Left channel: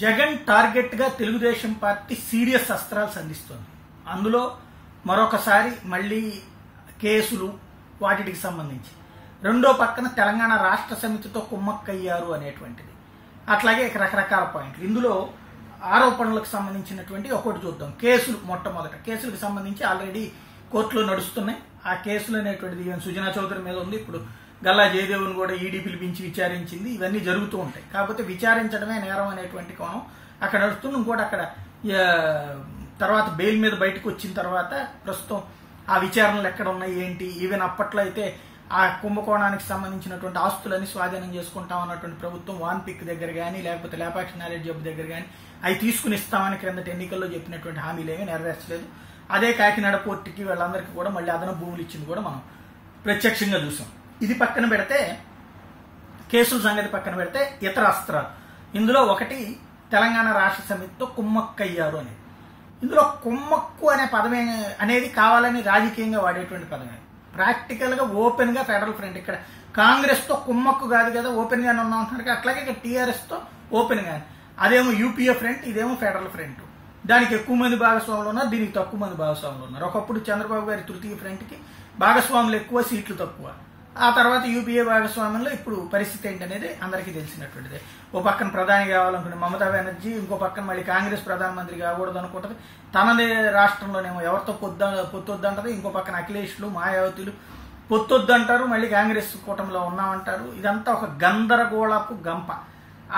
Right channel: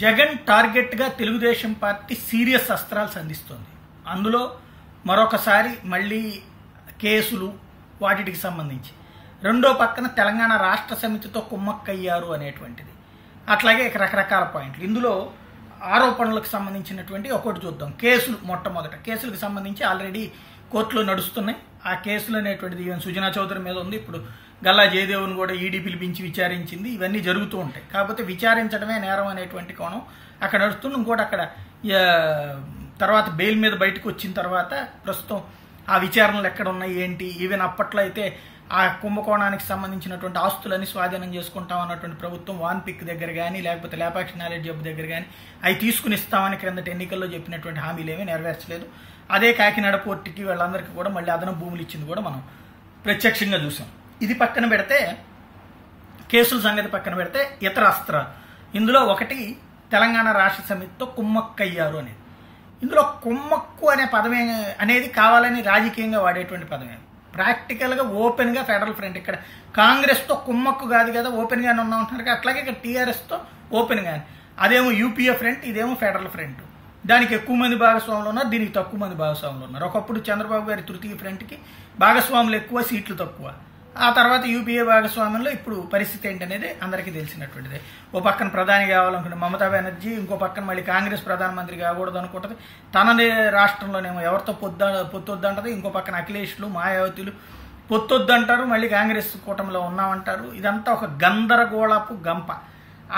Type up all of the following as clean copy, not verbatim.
Jagan target గా Telugu Desam party serious అస్త్రాలు సంధిస్తోంది. అందులో మరొకసారి మళ్లీ కేసులు వాటికి సంబంధించి, రెండో పక్కన తెలంగాణ రాష్ట్ర సమితితో కుమ్మక్కయ్యారు అనేటువంటిది, అట్లాగే రకరకాల పాయింట్లు. ఇందులో ఆరోపణలకు సంబంధించినటువంటి ఒకటి చూద్దాం. కేసులు, మొట్టమొదట కేసులకు సంబంధించి ఆల్రెడీ కోర్టులో నడుస్తున్నాయి. ఆ కేసులు అనేటువంటిది సుజనా చౌదరి మీద ఉంది. ఇప్పుడు గల్లా జయదేవ్ను కూడా ఈడీ పిలిపించి విచారించింది. ఇవన్నీ జరుగుతూ ఉంటాయి. కాకపోతే విచారించడమే నేరం అనేటువంటి కోణం అక్కడ నడుస్తుంది. ఇంకోటి అక్కడ తర్వాత బెయిల్ మీద బయటకు వచ్చిన తర్వాత ప్రస్తుతం ఆ విచారణలు ఎక్కడ ఉన్నాయి ఏంటి, ఈవెన్ అప్పట్లో అయితే ఆ కుంభకోణానికి సంబంధించినటువంటి ఆస్తులన్నీ స్వాధీనం చేసుకుంటాం అన్నటువంటి ప్రభుత్వం వాన్పిక్ దగ్గర కానీ లేకపోతే లేపాక్షి నాలెడ్జ్ జబ్బు దగ్గర కానీ అవి తీసుకుని ఇస్తామని క్రిందటి ఎన్నికల్లో చెప్పినటువంటి హామీలేమీ నెరవేర్చలేదు. అదే కాకినాడ పోర్టుకి వాళ్ళందరికీ కూడా మళ్ళీ అదనపు భూములు ఇచ్చింది కూడా మనం ప్రత్యక్షంగా చూసాం. ఇది పక్కన పెడితే, కేసుల సంగతి పక్కన పెడితే, ఇతర అస్త్రాలు ఇందులో ఒకటి తెలంగాణ రాష్ట్ర సమితితో కుమ్మక్కయ్యారు అనేది. ఇందులో కుమ్మక్కు అనే పదమే అనేది కావాలని రాజకీయంగా వాడేటువంటి పదమే. ప్రాక్టికల్ గా ఓపెన్ గా ఫెడరల్ ఫ్రంట్, ఇక్కడ కాంగ్రెస్ తో కుమ్మక్కు కాదు కదా, ఓపెన్ గానే ఉన్నాం అంటున్నారు. అట్లాగే ఇక్కడ టీఆర్ఎస్ తో ఓపెన్ గానే, అదేమో యూపీఏ ఫ్రంట్, ఇదేమో ఫెడరల్ ఫ్రంట్. దానికి ఎక్కువ మంది భాగస్వాములు ఉన్నారు, దీనికి తక్కువ మంది భాగస్వాములు ఉన్నారు. ఒకప్పుడు చంద్రబాబు గారి తృతీయ ఫ్రంట్ కి భాగస్వాములు ఎక్కువ, సీట్లు తక్కువ. ఆ తర్వాత యూపీఏ భాగస్వామ్యంలో ఇప్పుడు పరిస్థితి ఏంటనేది అందరికీ తెలిసినటువంటిదే. ఓ పక్కన ప్రధాని కావాలనుకునే మమతా బెనర్జీ, ఇంకో పక్కన మళ్ళీ కాంగ్రెస్ ప్రధానమంత్రి కాకూడదు అనుకుంటది. తనదే రాష్ట్రంలోనేమో ఎవరితో పొత్తొద్దంటది. ఇంకో పక్కన అఖిలేష్లు, మాయావతులు పొత్తొద్దంటారు, మళ్ళీ కాంగ్రెస్ కూటమిలో ఉన్నామంటారు. ఇదంతా ఒక గందరగోళపు గంప.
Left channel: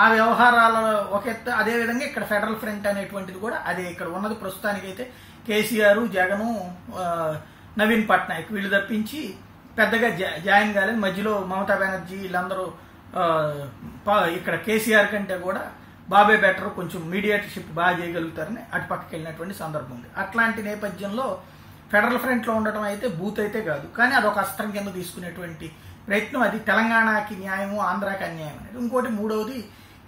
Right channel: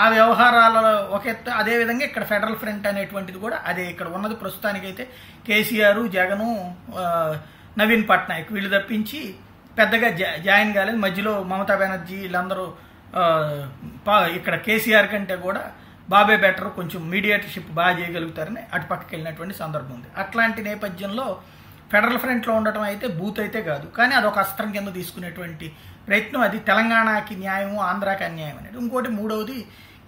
ఆ వ్యవహారాలలో ఒక ఎత్తు. అదేవిధంగా ఇక్కడ ఫెడరల్ ఫ్రంట్ అనేటువంటిది కూడా అదే. ఇక్కడ ఉన్నది ప్రస్తుతానికైతే కేసీఆర్, జగను, నవీన్ పట్నాయక్ వీళ్ళు తప్పించి పెద్దగా జాయిన్ కాలేదు. మధ్యలో మమతా బెనర్జీ వీళ్ళందరూ ఇక్కడ కేసీఆర్ కంటే కూడా బాబే బెటర్, కొంచెం మీడియేటర్షిప్ బాగా చేయగలుగుతారని అటు పక్కకి వెళ్ళినటువంటి సందర్భం ఉంది. అట్లాంటి నేపథ్యంలో ఫెడరల్ ఫ్రంట్ లో ఉండటం అయితే బూత్ అయితే కాదు, కానీ అదొక అస్త్రం కింద తీసుకునేటువంటి ప్రయత్నం. అది తెలంగాణకి న్యాయము, ఆంధ్రాకి అన్యాయం అనేది. ఇంకోటి మూడవది,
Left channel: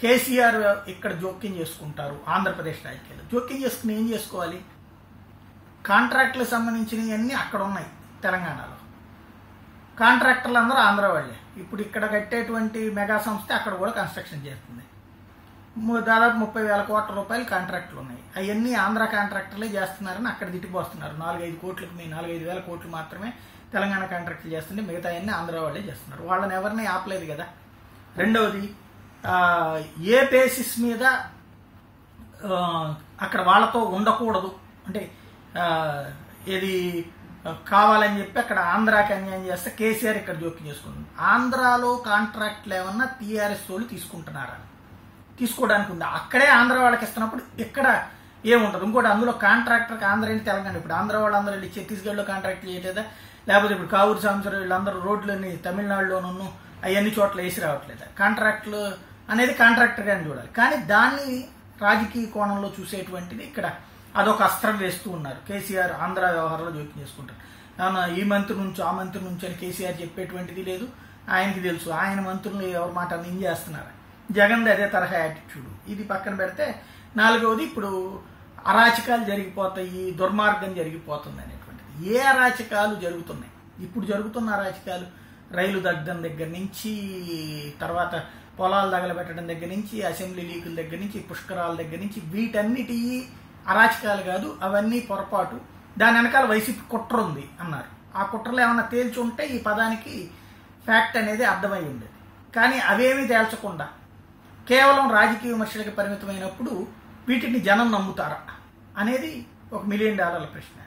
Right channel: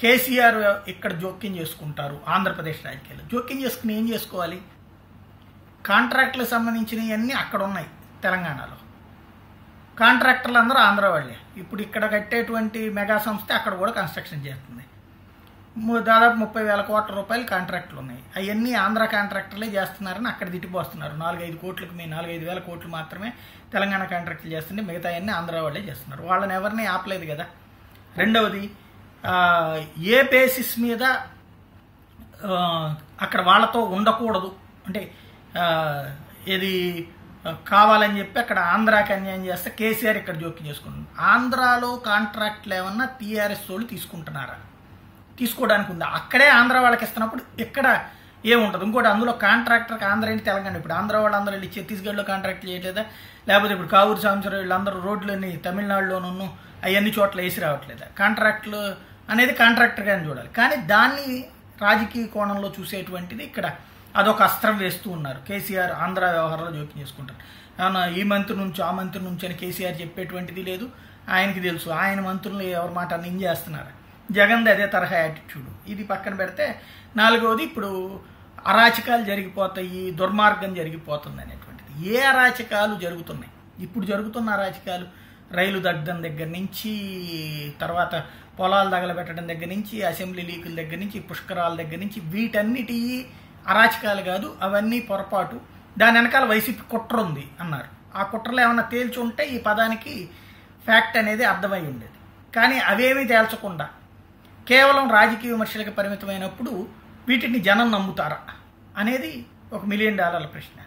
కేసీఆర్ ఇక్కడ జోక్యం చేసుకుంటారు ఆంధ్రప్రదేశ్ రాజకీయాలు. జోక్యం చేసుకుని ఏం చేసుకోవాలి? కాంట్రాక్టులకు సంబంధించినవన్నీ అక్కడ ఉన్నాయి తెలంగాణలో. కాంట్రాక్టర్లు అందరూ ఆంధ్ర వాళ్ళే. ఇప్పుడు ఇక్కడ కట్టేటువంటి మెగా సంస్థ అక్కడ కూడా కన్స్ట్రక్షన్ చేస్తుంది. దాదాపు 30,000 కోట్ల రూపాయలు కాంట్రాక్టులు ఉన్నాయి. అవన్నీ ఆంధ్ర కాంట్రాక్టర్లే చేస్తున్నారని అక్కడ తిట్టిపోస్తున్నారు. 4-5 కోట్లకు 4-5 కోట్లు మాత్రమే తెలంగాణ కాంట్రాక్టులు చేస్తుంటే మిగతా అన్ని ఆంధ్ర వాళ్ళే చేస్తున్నారు. వాళ్ళని ఎవరిని ఆపలేదు కదా. రెండవది, ఏ బేసిస్ మీద అక్కడ వాళ్ళతో ఉండకూడదు అంటే ఏది కావాలని చెప్పి అక్కడ ఆంధ్రాకి అన్యాయం చేస్తే కేసీఆర్ ఇక్కడ జోక్యం చేసుకుంటుంది. ఆంధ్రాలో కాంట్రాక్ట్లు ఏమన్నా టీఆర్ఎస్ వాళ్ళు తీసుకుంటున్నారా? తీసుకోవడానికి ఉందా? అక్కడే ఆంధ్ర వాళ్ళకి ఇస్తున్నప్పుడు ఇక్కడ ఏముంటది? ఇంకోటి, అందులో కాంట్రాక్టర్కి ఆంధ్ర ఏంటి తెలంగాణ. ఇప్పుడు ఆంధ్ర వాళ్ళందరూ వెళ్ళి ఛత్తీస్గఢ్లో కాంట్రాక్ట్ చేయలేదా? లేకపోతే ఇప్పుడు కావూరు సాంబశివరావు వీళ్ళందరూ రోడ్లని తమిళనాడులోనూ అవన్నీ చోట్ల వేసి రావట్లేదా? కాంట్రాక్టులు అనేది కాంట్రాక్టర్ గాని చూడాలి. కానీ దాన్ని రాజకీయ కోణంలో చూసేటువంటిది ఇక్కడ అదొక అస్త్రం వేస్తూ ఉన్నారు. కేసీఆర్ ఆంధ్ర వ్యవహారంలో జోక్యం చేసుకుంటారు. ఈ మంత్రి నుంచి ఆ మంత్రి నుంచి అని కేసీఆర్ చెప్పేటువంటిది లేదు. ఆయనకి తెలుసు ఆయన మంత్రులు ఎవరి మాట చేస్తున్నారు. జగన్ అదే తరహా యాటిట్యూడ్. ఇది పక్కన పెడితే, నాలుగవది, ఇప్పుడు అరాచకాలు జరిగిపోతాయి, దుర్మార్గం జరిగిపోతుంది అనేటువంటిది. ఏ అరాచకాలు జరుగుతున్నాయి? ఇప్పుడు జరుగుతున్న అరాచకాలు రైలు దగ్ధం దగ్గర నుంచి, తర్వాత పొలాలు తగలబెట్టడం దగ్గర నుంచి, అసెంబ్లీ లీకుల దగ్గర నుంచి, పుష్కరాల దగ్గర నుంచి, వీటన్నిటి అరాచకాలు కాదు, అవన్నీ పొరపాటు. దాని వెనకాల వైసీపీ కుట్ర ఉంది అన్నారు. ఆ కుట్రలో ఏమన్నా తేల్చి ఉంటే ఈ పదానికి ఫ్యాక్ట్ అనేది అర్థమై ఉండేది. కానీ అవేమీ తేల్చకుండా కేవలం రాజకీయ విమర్శలకు పరిమితమైనప్పుడు వీటిని జనం నమ్ముతారా అనేది ఒక $1 మిలియన్ ప్రశ్న.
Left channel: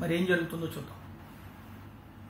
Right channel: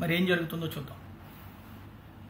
మరి ఏం జరుగుతుందో చూద్దాం.